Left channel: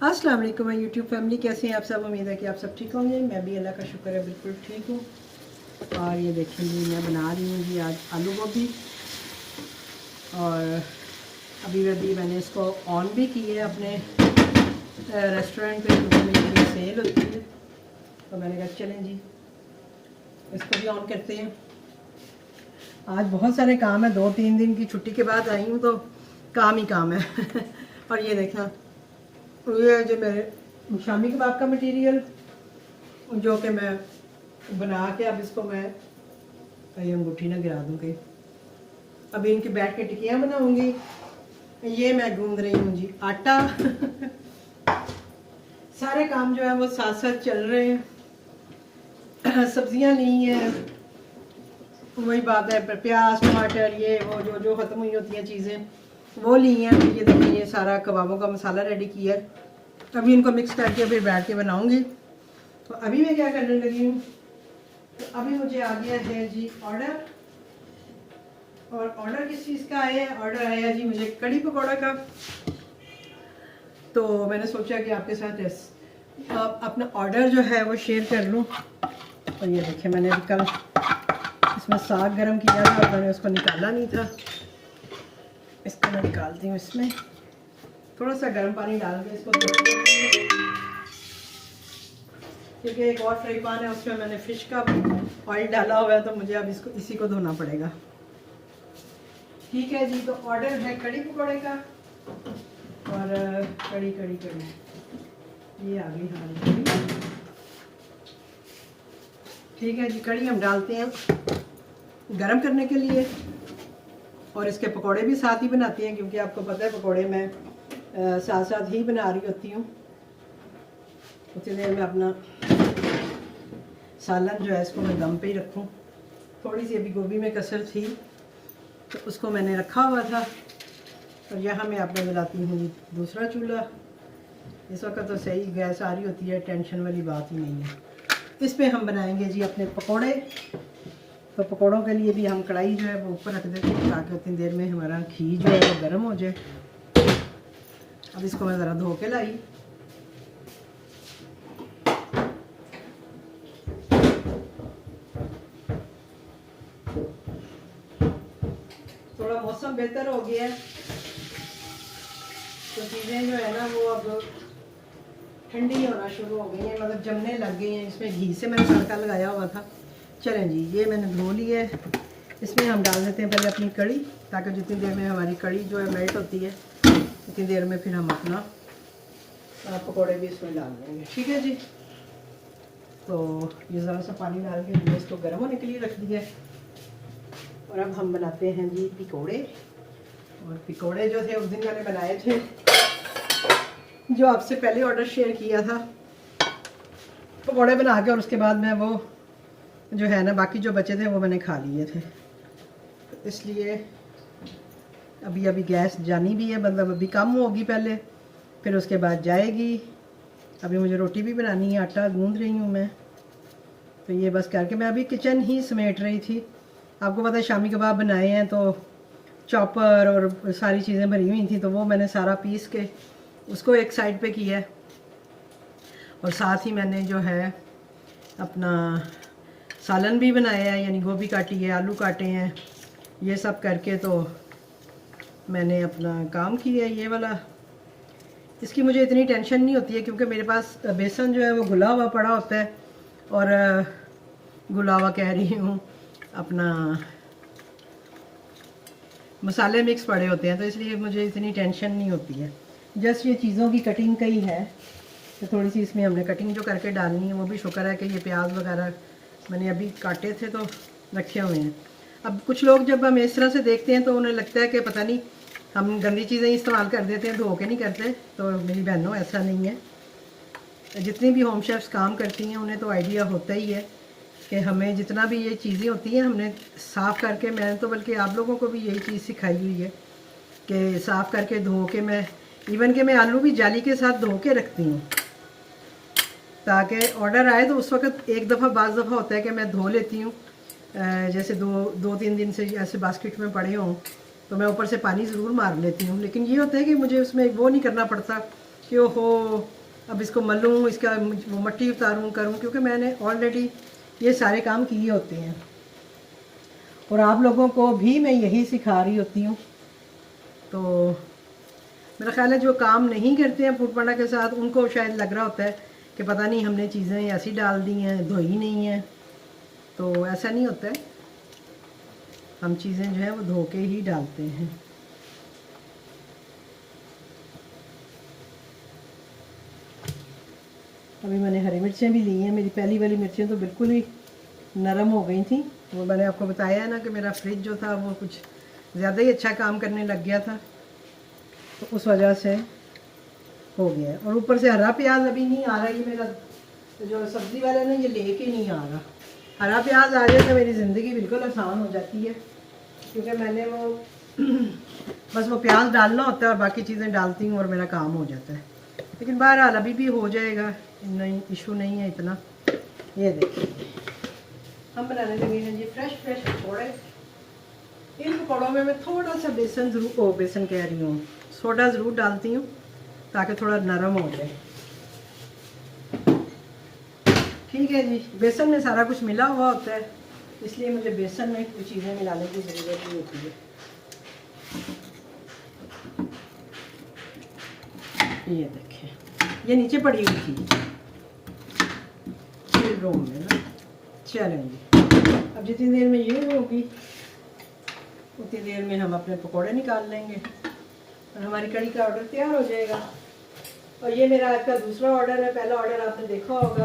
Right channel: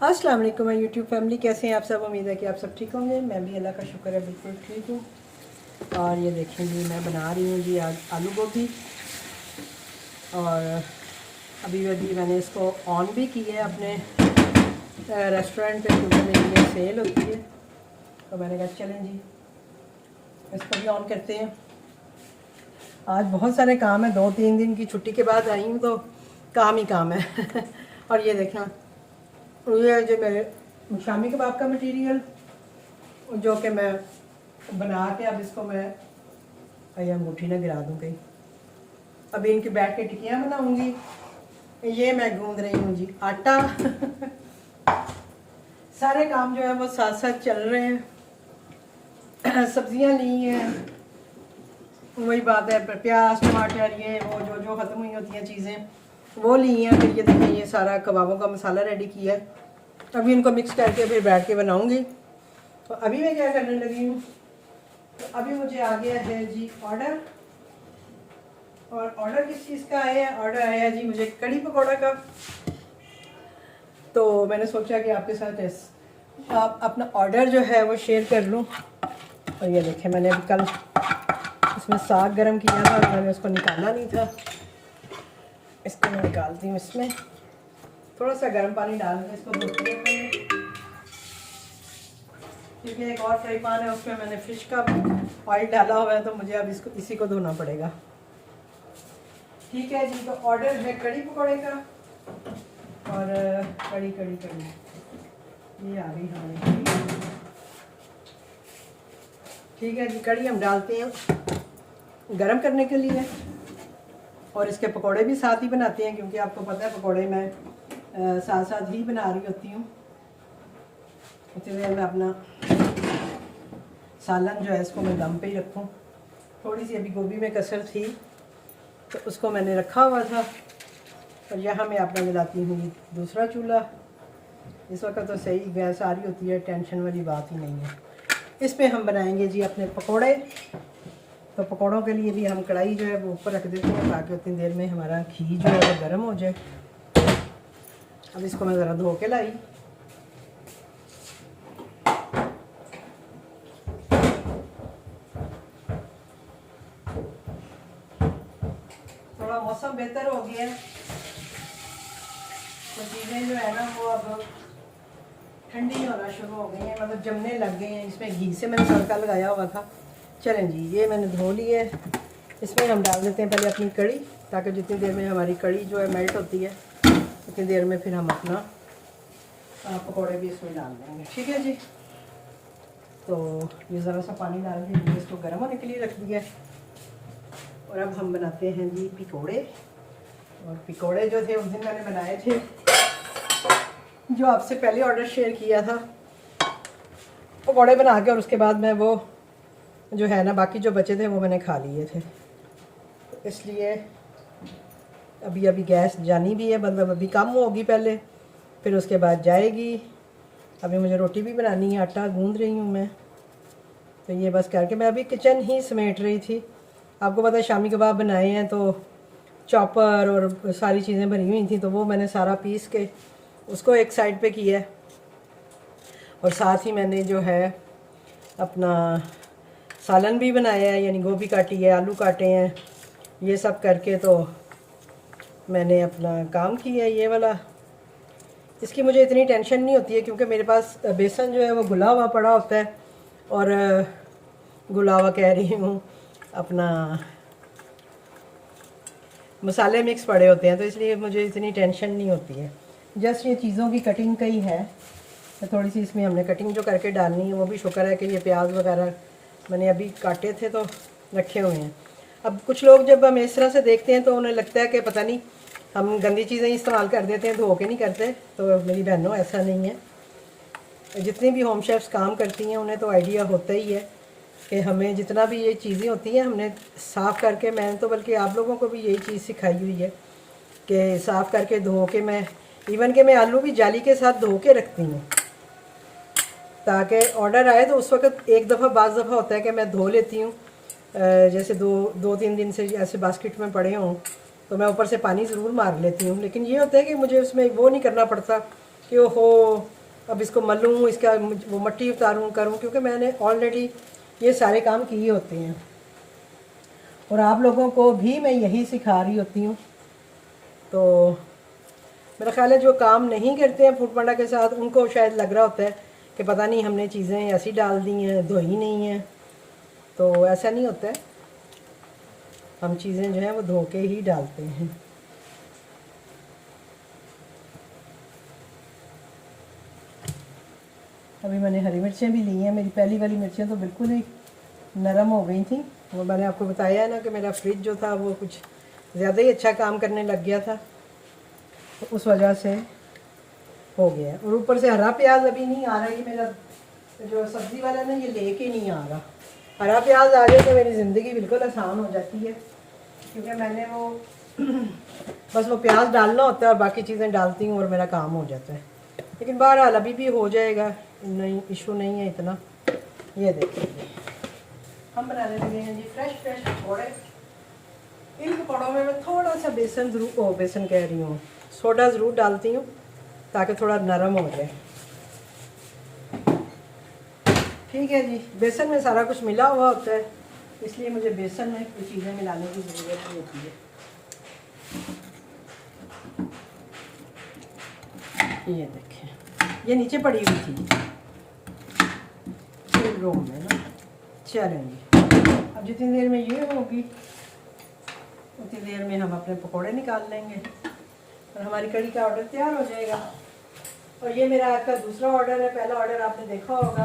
अस्सलाम वालेकुम my YouTube family, कैसे हैं आप सब। उम्मीद है कि आप सब ठीक होंगे। मैं भी अल्लाह का शुक्र है बिल्कुल ठीक हूँ। और ये देखें जी, मैं बना रही हूँ जी आज आलू गोभी। और अभी मैंने इसको ऑन भी की है अपने रेस्टोरेंट पे, क्योंकि मेरी सेल होती है। तो मैंने कहा चलें जी इसको भी ऑन करते हैं। आज बहुत सारे काम है, 2-3 दिन की छुट्टी के बाद आई हूँ तो काम ही काम है। और ये देखा, ये है जो मेरे शामी कबाब का मटेरियल, जो कि मैं बना के अब इसको मैं अंगूठी ना गिरा दूँगी। अभी इनकी बैठ के टिक्कियाँ बनाऊँगी। ये मैं गूंद रही हूँ जी आटा। सारे काम जो है वो साथ साथ चल रहे हैं। सब्जियाँ ली हैं, वही बात है, प्याज टमाटर ये वो जो जो ख़त्म हुई होती हैं चीज़ें वो ली हैं। फिर ये देखिए, ये सारा कबाबों का मसाला रेडी किया है। अभी इनको मिक्स करके फिर बैठ के बनाऊँगी। तो अभी मैं क्या करने लगी हूँ, तो अभी मुझे आ गया है जी ऑर्डर। और ऑर्डर किस चीज़ का आया है? ऑर्डर आया जी मुझे कड़ी पकौड़ा का। तो मैंने सोचा कि आपके साथ आप अपना ऑर्डर जो है वो शेयर कर लूँ। और ये देखें, मैंने अभी कल इसमें साग गरम किया था और मैंने उसको निकाला नहीं था। इसको मैं निकालती हूँ। इसमें थोड़ा सा गर्म पानी डाल के इसको धोती हूँ, क्योंकि एक और फ्राई पैन है उसमें मैंने फ़िश का ऑयल डाला हुआ है, तो मुझे अब इसको इसी को धोना पड़ेगा। ठीक है जी, तो ऑर्डर है कड़ी पकौड़े का। और कड़ी कड़ी कड़ी ये आ गई हमारी कड़ी। ठीक है जी, कड़ी हम डालते हैं गरम करने के लिए। और इसके पकौड़े भी साथ ही बनाते हैं, क्योंकि आपको पता है पकौड़े मैं साथ साथ ही बना रही होती हूँ। उतनी देर में अपना सालन जो है इसको मैं दम पे ही रखूँ। थोड़ी सी अभी गोभी में कसर थी तो उसको मैंने रखा हुआ था। और यहाँ मैं आपको जलाती हूँ दूसरा चूल्हा। इस वक्त तो सही गैस आ रही होती है, टेंशन वाली बात ही नहीं है। इस पे हम बनाएंगे जी अपने पकोड़े। तो पकोड़ों के लिए भी हम कढ़ाई जो है वो ऊपर रख देते हैं, ताकि उतनी देर में हमारा घी जो है वो गर्म हो जाए। अब इसको मैं ज़रा धो के लाई। थोड़ा मौसम बेहतर हो गया है तो चीज़ें जो है ना वो अब ठंडी होना शुरू हो गई हैं, मतलब जमने लग गई हैं। इसमें घी से मैंने तड़का लगाया हुआ था। चलें जी, ये मैंने धो ली है। इसमें हम डाल देते हैं पहले अपनी कड़ी, ताकि जितनी देर में हमारी कड़ी जो है मेल्ट होती है उतनी देर में फिर हम अपना पकौड़े भी इसमें डाल देंगे। ठीक है जी। तो ये ज़रा सा पानी डाल के मैंने इसको गर्म होने के लिए रख दिया। और अब हम बनाते हैं जी पकौड़े। और पकौड़े जो थे उस दिन मैंने बनाए थे, जो आपसे पहले ऑर्डर शेयर किया था, पकौड़े बना के। और उसके बाद मैं वो जो है ना बाकी जो बचे थे वो मैंने खा लिए थे। इसलिए अभी अभी गैस जानी भी है, मतलब अभी कम होगी पहले, फिर उसके बाद जाएगी। अभी मुझे रोटी भी बनानी है, आटा गूंद रही हूँ मैं। तो ये बस करके मैं अभी किचन ही समेट रही थी। आपको पता है शामी कबाब बनाए हैं तो चॉपर और सारी चीज़ें भरी हुई थी, तो वो मैंने सारा पीस के उसको एक साइड पे किया है। और साथ ही मैंने जो है अपना सालन भी बनाया है, यानी गोभी काटी है, आलू काटे हैं, ये सब करके तो मैंने अपना काम किया है ये वाला। इसकी मुझे इतनी टेंशन नहीं होती है, क्योंकि मेरे पास बेसन जो है वो घुला हुआ पड़ा होता है। और घुला हुआ कह रही हूँ, अपना मसाले मिक्स पड़े होते हैं, तो इसलिए मुझे इतनी टेंशन नहीं होती है। जस्ट ये चीज़ों की कटिंग का ही है, तो थोड़ी सी इसमें हमने कटिंग जो करके डालनी है। वो भी शुक्र है कि ये प्याज वगैरह मैंने अभी काटे थे तो रखे हुए हैं। अब कुछ लोग जब हम इस तरह से देखते हैं तो उन्हें लगता है कि पता नहीं हम गंदी चीज़ें इस्तेमाल कर देते हैं, धो के नहीं करते। तो मेरी बहनों, ऐसा नहीं है। जितनी भी होम शेफ्स काम करती हैं उन्हें तो आइडिया होता ही है कि हमें जितना भी ये चीज़ें होती हैं हमने साफ़ करके, मैंने तो बल्कि आप लोगों को भी यही चीज़ सिखाई हुई है कि साफ़ करके धो के, मैं इवन के मैं आलू भी जाली के साथ धो के रखती हूँ, ताकि ऑर्डर आए तो उस वक्त एक दफ़ा बाज़ दफ़ा होता है कि मैं धो लेती हूँ। जैसे 2-3 दिन से ऐसे बास्केट में पड़े हों तो मैं ऊपर से पानी ज़रूर मार लेती हूँ। लेकिन ये होता है कि मुझे उसमें वो नहीं करना पड़ता कि ओहो अब इसको मलूँ, इसका वो मट्टी उतारूँ करूँ, क्योंकि मैंने ऑलरेडी ये सारे काम किए होते हैं और आप लोगों को भी मैं यही सिखा रही होती हूँ। तो मेरा ख्याल है जो काम नहीं करते हैं फूड पांडा के साथ उनको शायद लग रहा होता है कि पता नहीं हमने चीज़ें ऐसी डाल दी हैं, धोई नहीं हैं। तो ऐसा नहीं होता है, हम चीज़ें जो है वो धो के ही डालते हैं। अभी मैंने हरी मिर्चें भी ली हैं। मेरी पहली वाली मिर्चें तो बिल्कुल ही नरम हो गई थी। वो मैंने आपको बताया है ना कि मेरा फ्रिज जो था वो कुछ ज़्यादा ही अच्छा काम करने लग गया था, तो उस वजह से हो गया। और ऊपर से हरा प्याज अभी नहीं आ रहा है, कि मेरा जो सब्ज़ी वाला है ना ये लेके नहीं आ रहा। हरा प्याज आ जाए तो मेरी ज़िंदगी बिल्कुल आसान हो जाती है, क्योंकि मैंने वो बस वो प्याज डालना होता है और बाकी चीज़ें डालती हूँ और मेरा काम हो जाता है। लेकिन बहरहाल अभी भी हो जाएगा, नहीं इशू नहीं है इतना। ये देखिए हम बनाने लगे हैं जी फ्रेश पकौड़े। इन पकौड़ों में मैं थोड़ा सा बेसन कह रही हूँ, सोडा ज़रूर डालती हूँ ताकि थोड़ा नरम हो जाए। ठीक है जी, बेसन में सारा कुछ मिला हुआ होता है, इसलिए मुझे बेसन में कुछ चीज़ें मिलाने की ज़रूरत नहीं होती है। ये देखिए ये नीचे पड़ी हुई थी रूम में ना। चलेंगे अब जितनी देर में ये होगी उतनी देर में हम अपने पकोड़े निकाल लेंगे और हमारी कढ़ी का ऑर्डर तैयार हो जाएगा। और ये मेरा आज का दूसरा ऑर्डर है। पहला ऑर्डर आपने देखा होगा,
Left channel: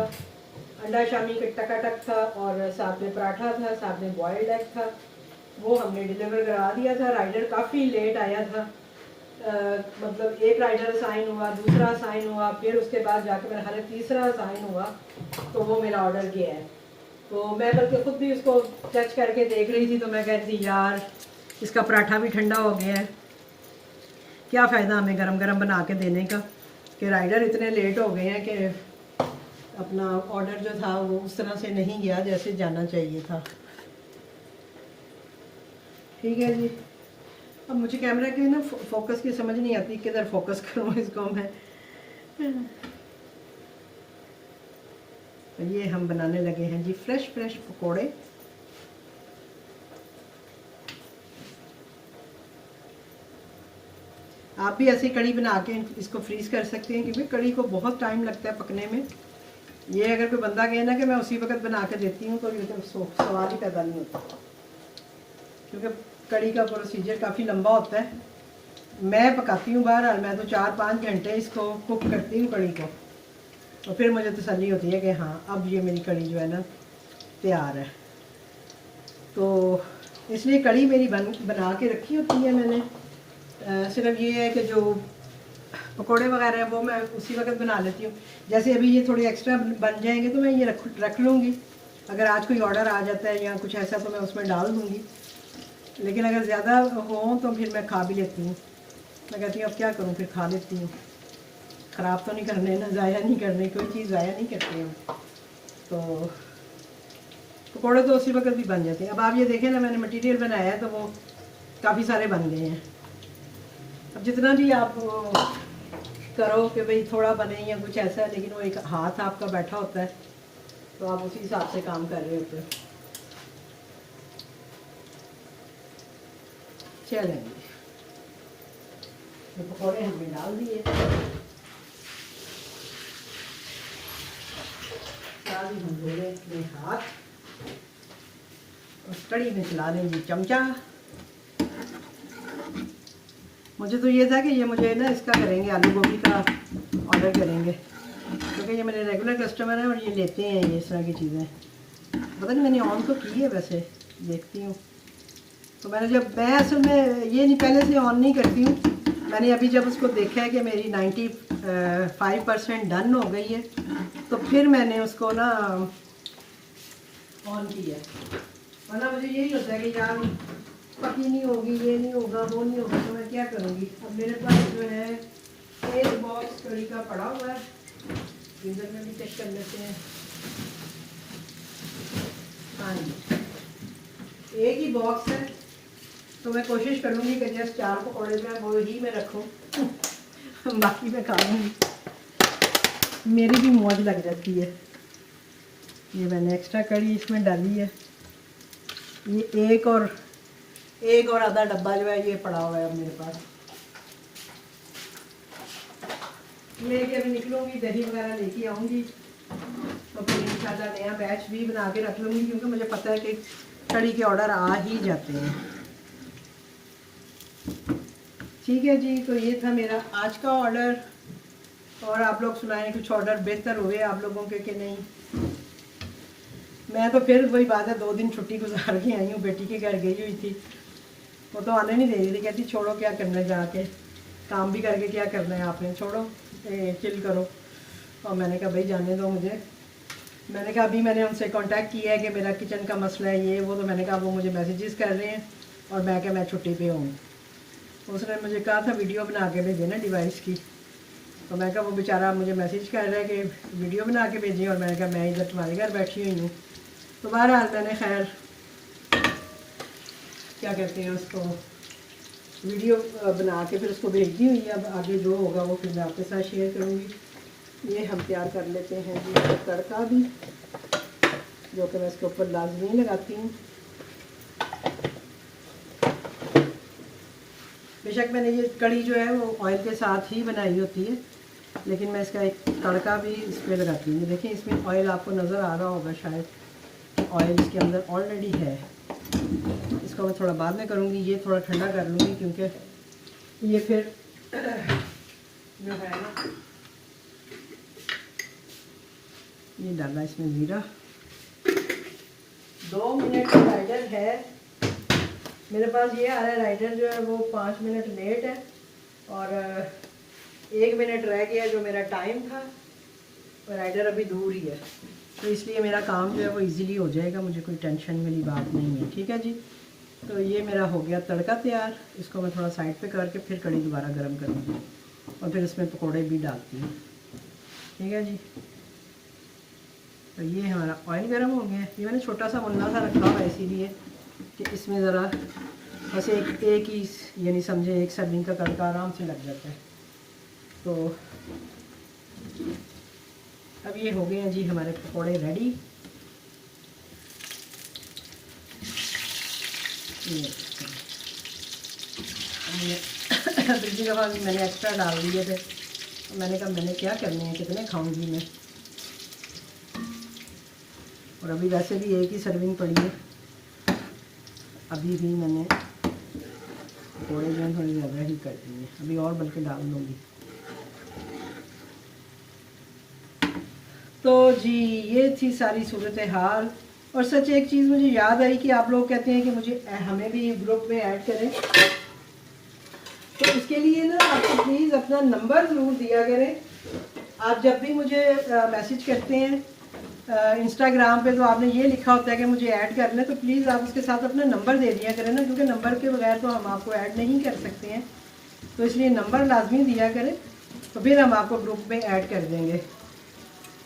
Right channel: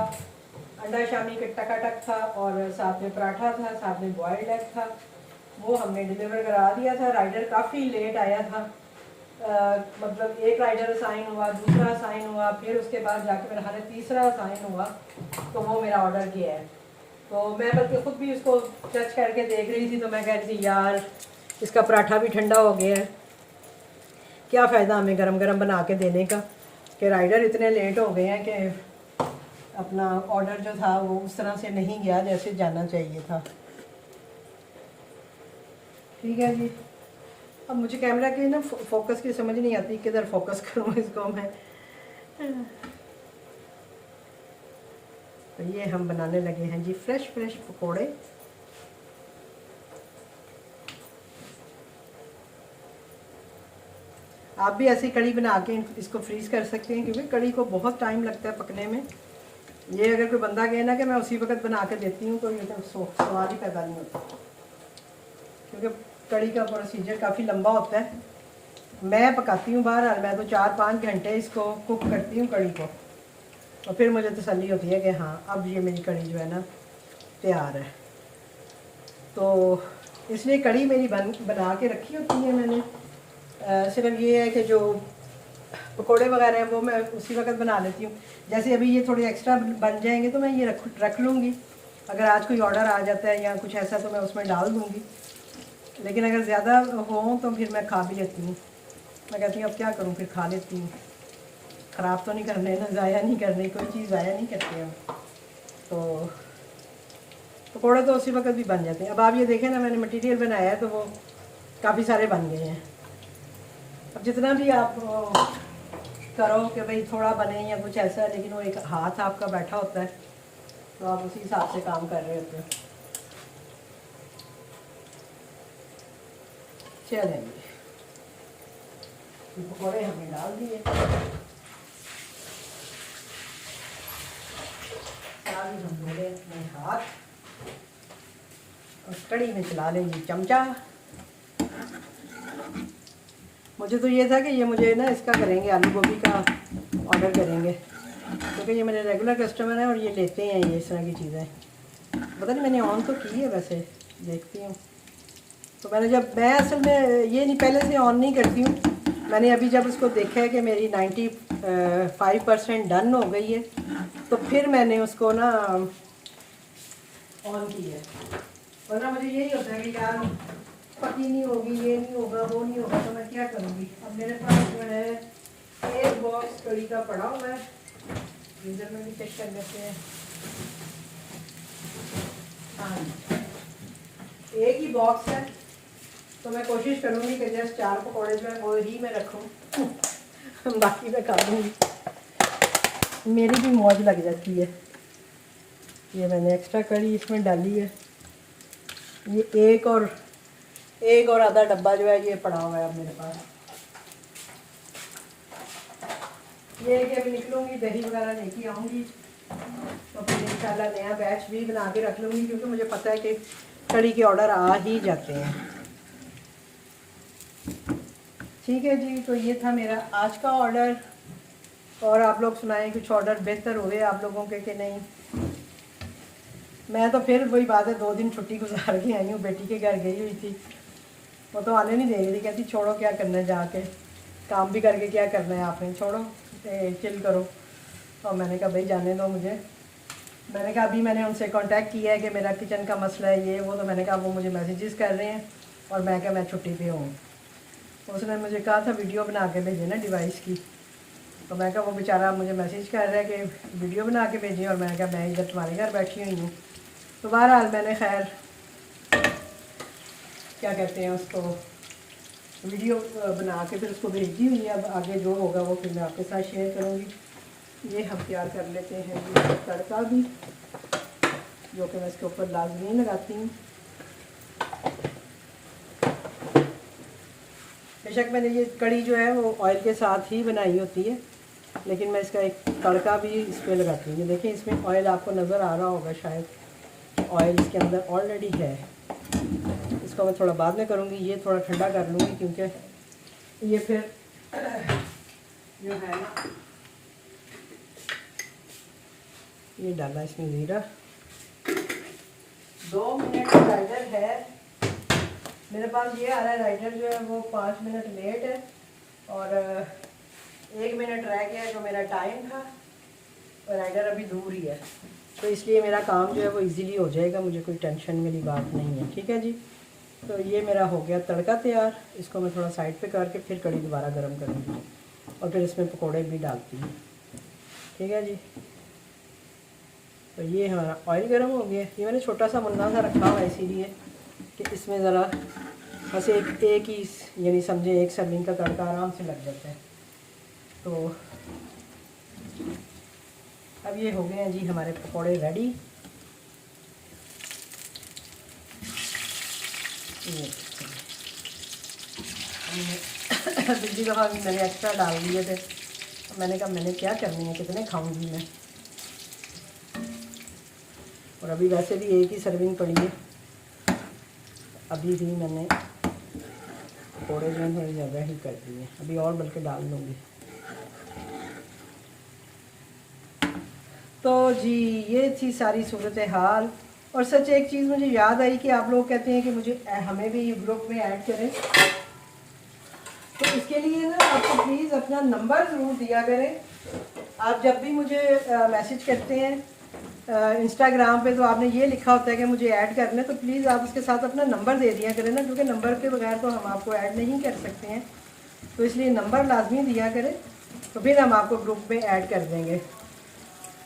अंडा शामी का टकाटक था और साथ में पराठा था, साथ में बॉयल्ड एग था। वो हमने डिलीवर करा दिया था। राइडर काफ़ी लेट आया था, मतलब एक राइडर असाइन हुआ, दूसरा असाइन हुआ, फिर उसके बाद जाके मेरा हाल तीसरा असाइन हुआ, तो वो मेरा ऑर्डर गया है। तो मैं बल्कि ख़ुद भी उसको चेक करके देख रही थी, तो मैं कह रही थी यार इसका पराठा भी ठंडा हो गया है, क्या फ़ायदा हमें गरम गरम बना के देने का, कि राइडर इतने लेट हो गए हैं कि अपना ऑर्डर जो था वो उस तरह से नहीं गया जैसे जाना चाहिए था। ठीक है जी, अब मुझे कैमरा के ना फोकस की समझ नहीं आती, किधर फोकस करूँ इसको मैं। तो ये हम बनाने लगे हैं जी फ्रेश पकोड़े। आप भी ऐसी कड़ी बना के इसको फ्रीज़ कर सकते हैं, क्योंकि कड़ी को बहुत टाइम लगता है पकने में। ये अगर कोई बंदा कहे ना कि मैं उसी वक्त बना के देती हूँ तो एकदम सवाल ही पैदा नहीं होता, क्योंकि कड़ी का प्रोसीजर काफ़ी लंबा होता है। मैं पकाती हूँ बहरहाल, मैं तो 4-5 घंटे इसको कुक करती हूँ कड़ी को, और फिर मुझे तसल्ली होती है कि हाँ अब ये मेरी कड़ी जो है ना तैयार है। तो इसलिए कड़ी मेरी बना के रखी होती है मैंने। सिर्फ ये है कि जो पकोड़े वगैरह हैं वो मैं उसी वक्त बना लेती हूँ। जैसे अभी ये थोड़े एक्स्ट्रा बन जाएंगे तो मैं ये रख लूँगी। अगर आज कोई ऑर्डर आ जाता है या कुछ ऐसा तो मैं उसमें डाल दूँगी, लेकिन अगर ज़्यादा हो तो फिर मैं खा भी लेती हूँ। मैं कहती हूँ अब क्या करूँ, फिर खा लेती हूँ, ख़राब तो नहीं करने ना, ज़ाया नहीं करने, कोई चीज़ ज़ाया नहीं करते हम। तो पकौड़े तो उसी वक्त भी बन जाते हैं। अब आप ये देखें ना, मैंने मटेरियल बनाया है तो वो काफ़ी सारे बन गए हैं। अब जितना भी आप करो कि भाई थोड़ा बने या कुछ ऐसा है, लेकिन वो एक हाथ आपका बैठा होता है तो आप उसी हिसाब से काम कर रहे होते हो। चलेंगे ये पकौड़े हमने डाल दिए, सारी हम धोले अपने हाथ और कड़ी में चला लेंगे चमचा। मुझे तो ये था कि ये मुझे ना इसका करेंगे, आलू गोभी का ऑर्डर करेंगे, क्योंकि ये मेरे रेगुलर कस्टमर हैं और ये लेते हैं ये इस तरह की चीज़ें। पता नहीं मैंने ऑन तो की है, वैसे देखती हूँ। तो मैं असल में ये नहीं पहले से ऑन नहीं करती हूँ। मैंने अभी जब उसको देखा है कि मेरी 95% डन हो गई है तो फिर मैंने उसको ना ऑन किया। वरना मुझे यही होता है कि यार पकी नहीं होगी, ये नहीं होगा, वो नहीं होगा, तो मैं क्या करूँगी। अब मेरे पास जो है एक बॉक्स कड़ी का पड़ा हुआ है, फ्रीजर में भी चेक कर लेते हैं। हाँ जी, एक ही बॉक्स है, तो मैं कोशिश करूँगी कि जस्ट 4 पकौड़े जो है वो ही मैं रखूँ बाकी मैं खा लूँगी। मेरी भी मौज लग जाती है। ये मैंने एक्स्ट्रा कड़ी इसमें डाली है। ये एक और आधा डब्बा जो है ये पड़ा हुआ है अब मेरे पास। ये कि अभी निकलूँगी दही वगैरह लेके आऊँगी तो फिर इंशाल्लाह नया बैच भी बना के रख लूँगी, क्योंकि मुझे पता है कि कड़ी के ऑर्डर आ ही जाते हैं। ठीक है जी, तो ये था मेरा आज का ऑर्डर। और आप लोग सुनाएं कुछ ऑर्डर बेहतर हुए आप लोगों के कि नहीं। मैं तो फिर वही बात है, 2 दिन छुट्टी गुजार के आई हूँ, बेटी के घर गई हुई थी। वो तो आने नहीं दे रही थी, कहती छोड़ो क्या करना है, जाके काम भी करके क्या करना है आपने, छोड़ो चिल करो। और मैंने कहा भाई जाने दो मुझे। मैंने कहा अभी मैंने उनसे कांटेक्ट किया है कि मेरा किचन का मसला है ये वो, तो मैंने कहा वो मुझे मैसेजेस कर रहे हैं और मैं क्या मैं छुट्टी पे हूँ। उसने मुझे कहा था वीडियो बना के भेजे ना डिवाइस की, तो मैं कहा वो बेचारा मुझे मैसेज कर रहा है कि वीडियो बना के भेजिए, और मैंने कहा मैं इधर तुम्हारे घर बैठी हुई हूँ। तो बहरहाल मैंने खैर क्या कहते हैं उसको वीडियो बना के फिर उसको भेज दी हुई है। अब आगे जो होगा वो फिर मैं आपके साथ शेयर करूँगी। ये हम तैयार कर लेते हैं जी तड़का भी, जो कि मैं इसके ऊपर लाजमी लगाती हूँ। बेशक मैंने ये कड़ी जो है वो ऑयल के साथ ही बनाई होती है, लेकिन मैं इसका एक तड़का भी इसमें लगाती हूँ। देखिए इसमें ऑयल आपको नज़र आ रहा होगा शायद, ऑयल इसके अंदर ऑलरेडी है। इसको मैं थोड़ा बाद में करूँगी, ये थोड़ा ठंडा कर लूँगी, क्योंकि ये फिर जो है ना, ये डाला इसमें ज़ीरा। 2 मिनट का राइडर है मेरे पास, ये आ रहा है राइडर जो है वो 5 मिनट लेट है, और 1 मिनट रह गया जो मेरा टाइम था, और राइडर अभी दूर ही है। तो इसलिए मेरा काम जो है वो इजीली हो जाएगा, मुझे कोई टेंशन वाली बात नहीं है। ठीक है जी, तो ये मेरा हो गया तड़का तैयार। इसको मैं थोड़ा साइड पे करके फिर कड़ी दोबारा गर्म करूँगी और फिर इसमें पकोड़े भी डालती हूँ। ठीक है जी, तो ये हमारा ऑयल गर्म हो गया। ये मैंने छोटा सा मुन्ना सा रखा हुआ है इसीलिए कि इसमें ज़रा बस एक ही यानी समझे एक सर्विंग का तड़का आराम से लग जाता है। तो अब ये हो गए हैं जी हमारे पकोड़े रेडी। पिछली दफ़ा भी मैंने एक्स्ट्रा डाल दिए थे, तो मैंने कहा मैंने क्या करनी है, कितने खाऊंगी मैं। और अभी वैसे भी एक ही सर्विंग पड़ी है, अभी भी मैंने पकौड़े में थोड़ी ज़्यादा ही कर दिए, अभी और बल्कि डाल लूँगी। तो जी ये थी सारी सूरत हाल। और सच एक चीज़ मुझे याद आई कि आप लोग कहते हैं कि मुझे हमें भी ग्रुप में ऐड करें, तो इसके लिए ना आपको प्लीज़ अपना नंबर ज़रूर दिया करें। आप जब भी मुझे मैसेज करते हैं इंस्टाग्राम पे, तो आपने ये लिखा होता है कि मुझे ऐड करना है, तो प्लीज़ आप उसके साथ अपना नंबर दे दिया करें ना, क्योंकि नंबर के बगैर तो हम आपको ऐड नहीं कर सकते हैं। तो इसलिए नंबर लाजमी दिया करें, तो फिर हम आपको ग्रुप में ऐड कर देंगे।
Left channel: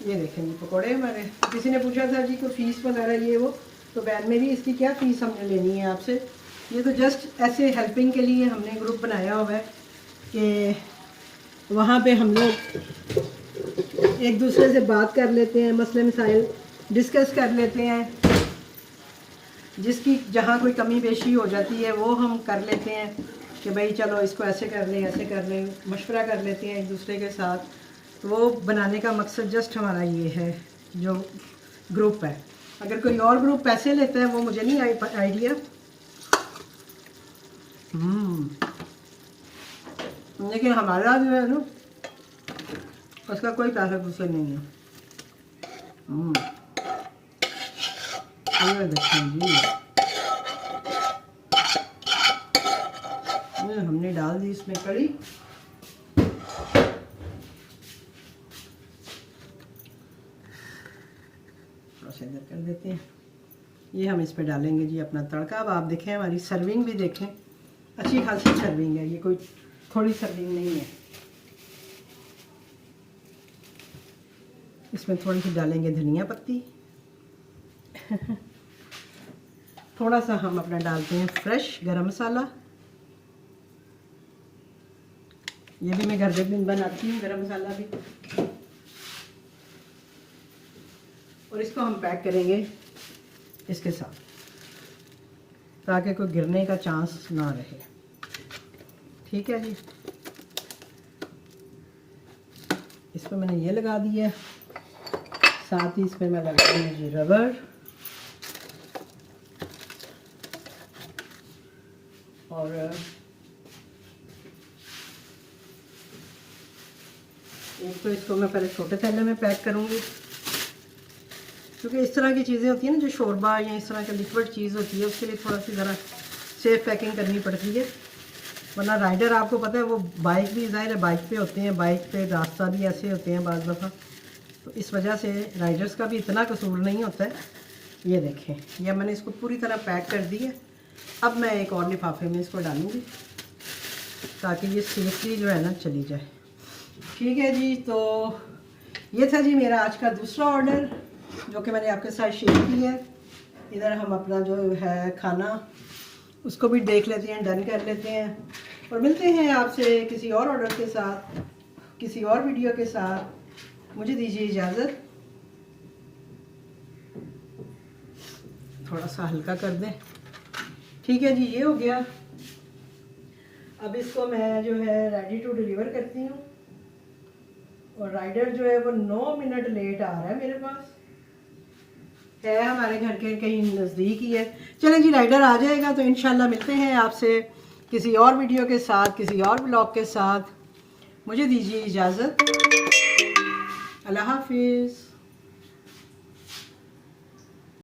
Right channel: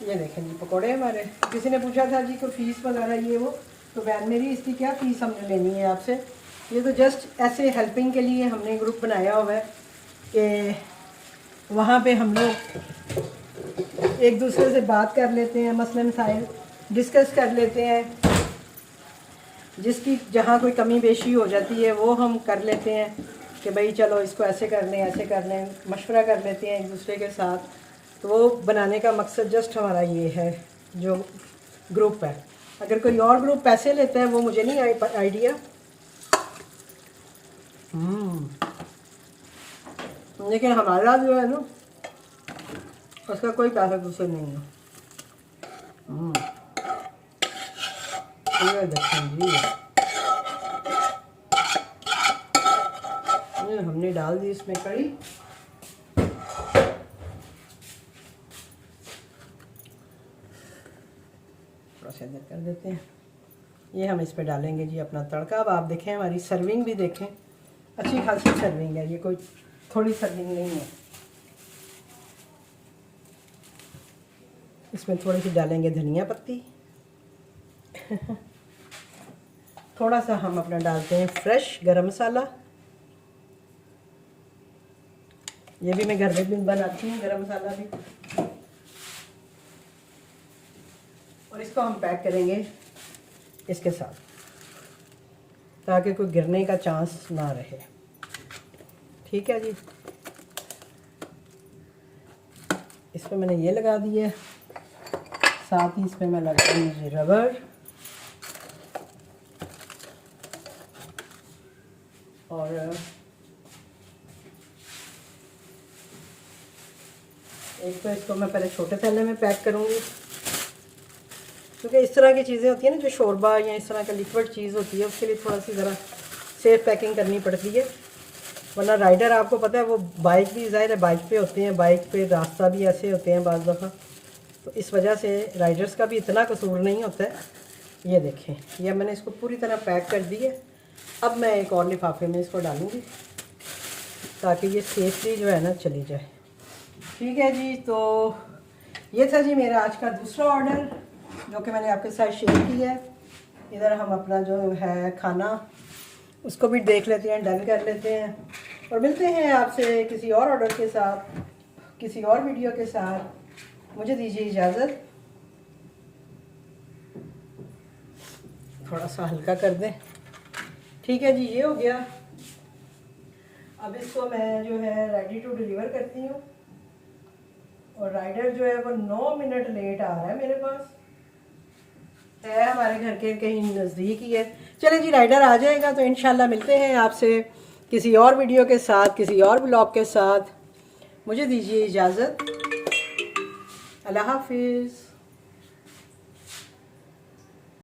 ये देखें जी पकौड़े हमारे। किसी ने पूछा था जी कोई फ़ीस वगैरह ये वो, तो बहन मेरी इसकी क्या फ़ीस हमने लेनी है आपसे। ये तो जस्ट ऐसे हेल्पिंग के लिए हमने ग्रुप बनाया हुआ है कि वहाँ पे हम लोग एक दूसरे से बात कर लेते हैं, मसले मसाइल डिस्कस कर लेते हैं, जिसकी जहाँ कोई कमी पेशी हो जाती है वो हम कर लेते हैं कि भाई चलो इसको ऐसे कर लें ऐसे कर लें, मशवरा कर लेते हैं एक दूसरे के साथ। तो वो बनाने का मकसद जस्ट हमारा ये है जो ग्रुप है। अगर कोई और ग्रुप पैसे लेता है वो मुझे नहीं आइडिया, लेकिन हमारा जो है ना उसका कोई ताल्लुक उससे नहीं है। हमने डाल दी इसमें कड़ी। थोड़ा सा इधर कर देते हैं। ये हम इस पे डालेंगे जी अपना तड़का। अब आप देखें हमारी सर्विंग भी देखें, अच्छी खासी सर्विंग है, ये कोई थोड़ी सर्विंग नहीं है। इसमें थोड़ी सी डालेंगे धनिया पत्ती थोड़ा सा हम अपना डालते हैं फ्रेश गरम मसाला। ये भी मैं घर में बनाती हूँ गरम मसाला भी। और इसको हम पैक करेंगे इसके साथ, ताकि कोई गिरने का चांस ना रहे। ठीक है जी, इसमें मैंने ये लगा दिया है, साथ ही इसमें मैं लगा दूँगी रबर और एक तो इसको मैं पहले छोटे थैले में पैक करूँगी, क्योंकि इस तरह की चीज़ें होती हैं ना जो शोरबा या इस तरह का लिक्विड चीज़ होती है, उसके लिए थोड़ा सी ज़रा सेफ पैकिंग करनी पड़ती है। वरना राइडर आपको पता है वो बाइक भी ज़ाहिर है बाइक पे होते हैं, बाइक पे रास्ता भी ऐसे होते हैं बाज़ दफ़ा, तो इस वजह से राइडर्स का भी इतना कसूर नहीं होता है। ये देखें, ये मैंने इसको पूरी तरह पैक कर दी है। अब मैं एक और लिफाफे में इसको डालूँगी ताकि ये सेफली जो है ना चली जाए। ठीक है जी, तो ये था जी मेरा आज का दूसरा ऑर्डर जो कि मैंने आपके साथ शेयर किया है। इधर हम अपना जो है खाना उसको भी देख लेते हैं, डन कर लेते हैं और मिलते हैं आपसे किसी और ऑर्डर के साथ, किसी और वीडियो के साथ। मुझे दीजिए इजाज़त, थोड़ा सा हल्का कर दें। ठीक है जी, ये हो गया। अब इसको मैं जो है रेडी टू डिलीवर करती हूँ और राइडर जो है वो 9 मिनट लेट आ रहा है, मेरे पास है, हमारे घर के कहीं नज़दीक ही है। चलें जी, राइडर आ जाएगा तो इंशाल्लाह मिलते हैं आपसे किसी और वीडियो के साथ, किसी और ब्लॉग के साथ। मुझे दीजिए इजाज़त, अल्लाह हाफिज़।